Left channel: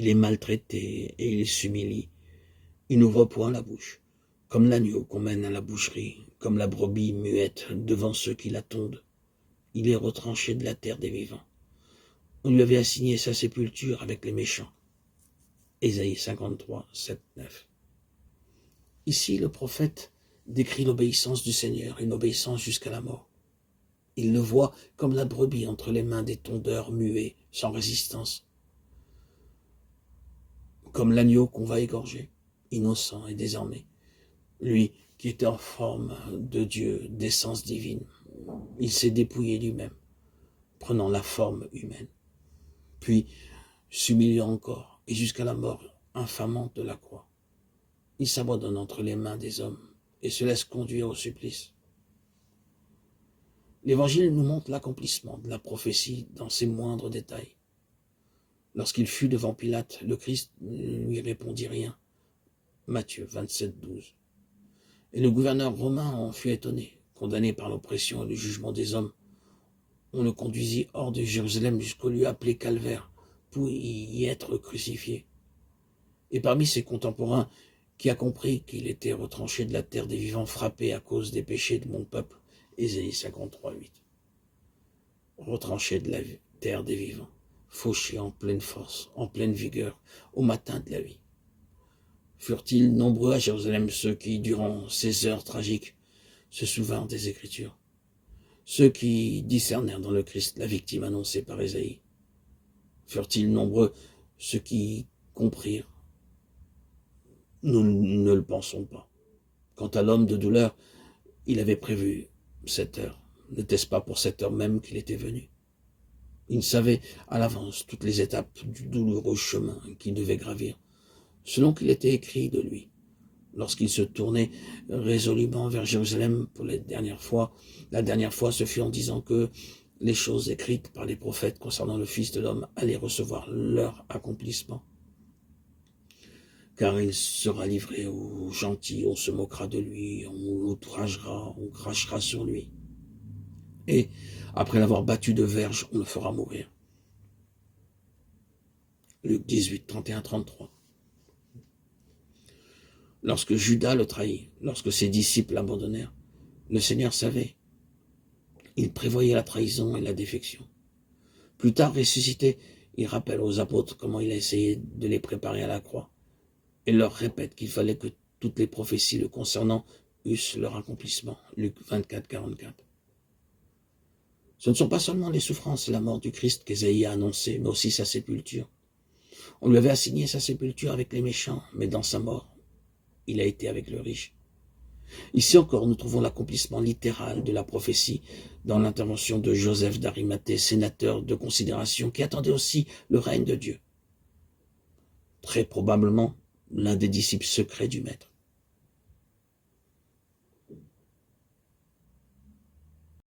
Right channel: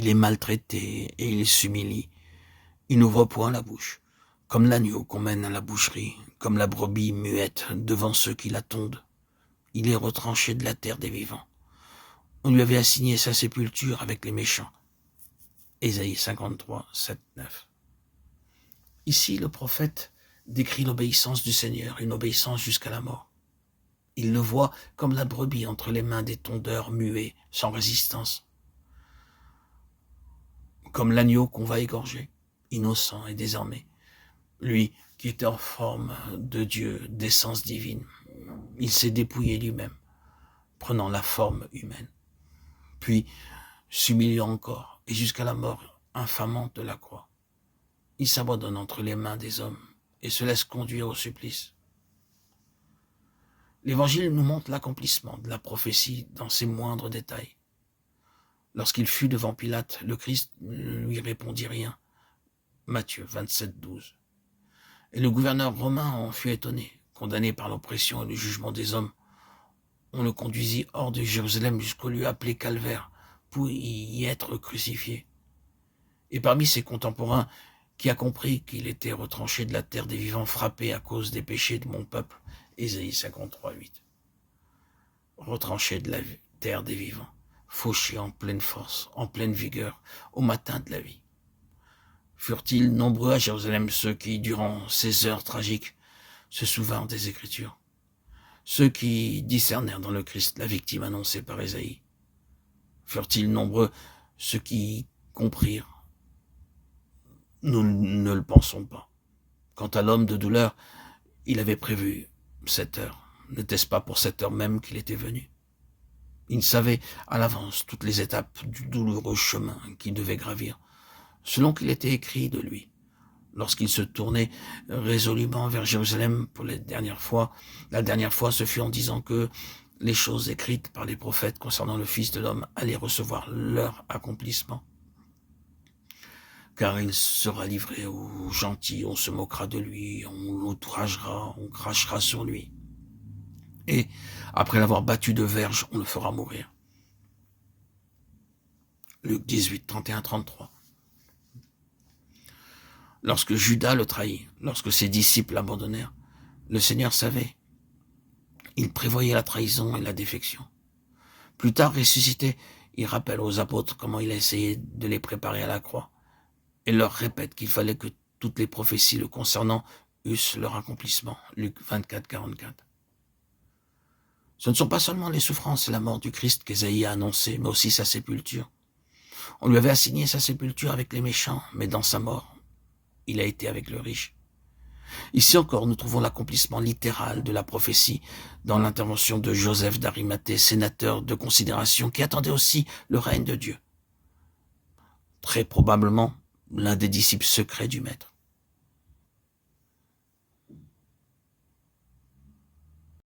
Il est maltraité et il s'humilie. Il n'ouvre point la bouche, comme l'agneau qu'on mène à la boucherie, comme la brebis muette devant ceux qui la tondent. Il est retranché de la terre des vivants. On lui avait assigné sa sépulture avec les méchants. Ésaïe 53, 7, 9. Ici, le prophète décrit l'obéissance du Seigneur, une obéissance jusqu'à la mort. Il le voit comme la brebis entre les mains des tondeurs muets, sans résistance. Comme l'agneau qu'on va égorger, innocent et désarmé. Lui qui était en forme de Dieu, d'essence divine, il s'est dépouillé lui-même, prenant la forme humaine. Puis, s'humiliant encore, et jusqu'à la mort infamante de la croix, il s'abandonne entre les mains des hommes et se laisse conduire au supplice. L'Évangile nous montre l'accomplissement de la prophétie dans ses moindres détails. Lorsqu'il fut devant Pilate, le Christ ne lui répondit rien. Matthieu 27, 12. Et le gouverneur romain en fut étonné, condamné par l'oppression et le jugement des hommes. On le conduisit hors de Jérusalem jusqu'au lieu appelé Calvaire, pour y être crucifié. Et parmi ses contemporains, qui a compris qu'il était retranché de la terre des vivants, frappé à cause des péchés de mon peuple, Ésaïe 53, 8. Retranché de la terre des vivants, fauché en pleine force, en pleine vigueur, au matin de la vie. Furent-ils nombreux à Jérusalem ceux qui, durant ces heures tragiques, se souvinrent des Écritures, ceux qui discernèrent dans le Christ la victime annoncée par Ésaïe? Furent-ils nombreux ceux qui comprirent? Nous ne le pensons pas. Quant à l'homme de douleur, il avait prévu cette heure. N'était-ce pas pour cette heure même qu'il était venu? Il savait à l'avance toutes les étapes du douloureux chemin qu'il devait gravir, selon qu'il était écrit de lui. Lorsqu'il se tournait résolument vers Jérusalem pour la dernière fois, ce fut en disant que les choses écrites par les prophètes concernant le Fils de l'homme allaient recevoir leur accomplissement. Car il sera livré aux gentils, on se moquera de lui, on l'outragera, on crachera sur lui. Et, après l'avoir battu de verge, on le fera mourir. Luc 18, 31, 33. Lorsque Judas le trahit, lorsque ses disciples l'abandonnèrent, le Seigneur savait. Il prévoyait la trahison et la défection. Plus tard ressuscité, il rappelle aux apôtres comment il a essayé de les préparer à la croix et leur répète qu'il fallait que toutes les prophéties le concernant eussent leur accomplissement. Luc 24, 44. Ce ne sont pas seulement les souffrances et la mort du Christ qu'Ésaïe a annoncé, mais aussi sa sépulture. On lui avait assigné sa sépulture avec les méchants, mais dans sa mort, il a été avec le riche. Ici encore, nous trouvons l'accomplissement littéral de la prophétie dans l'intervention de Joseph d'Arimathée, sénateur de considération, qui attendait aussi le règne de Dieu. Très probablement l'un des disciples secrets du Maître.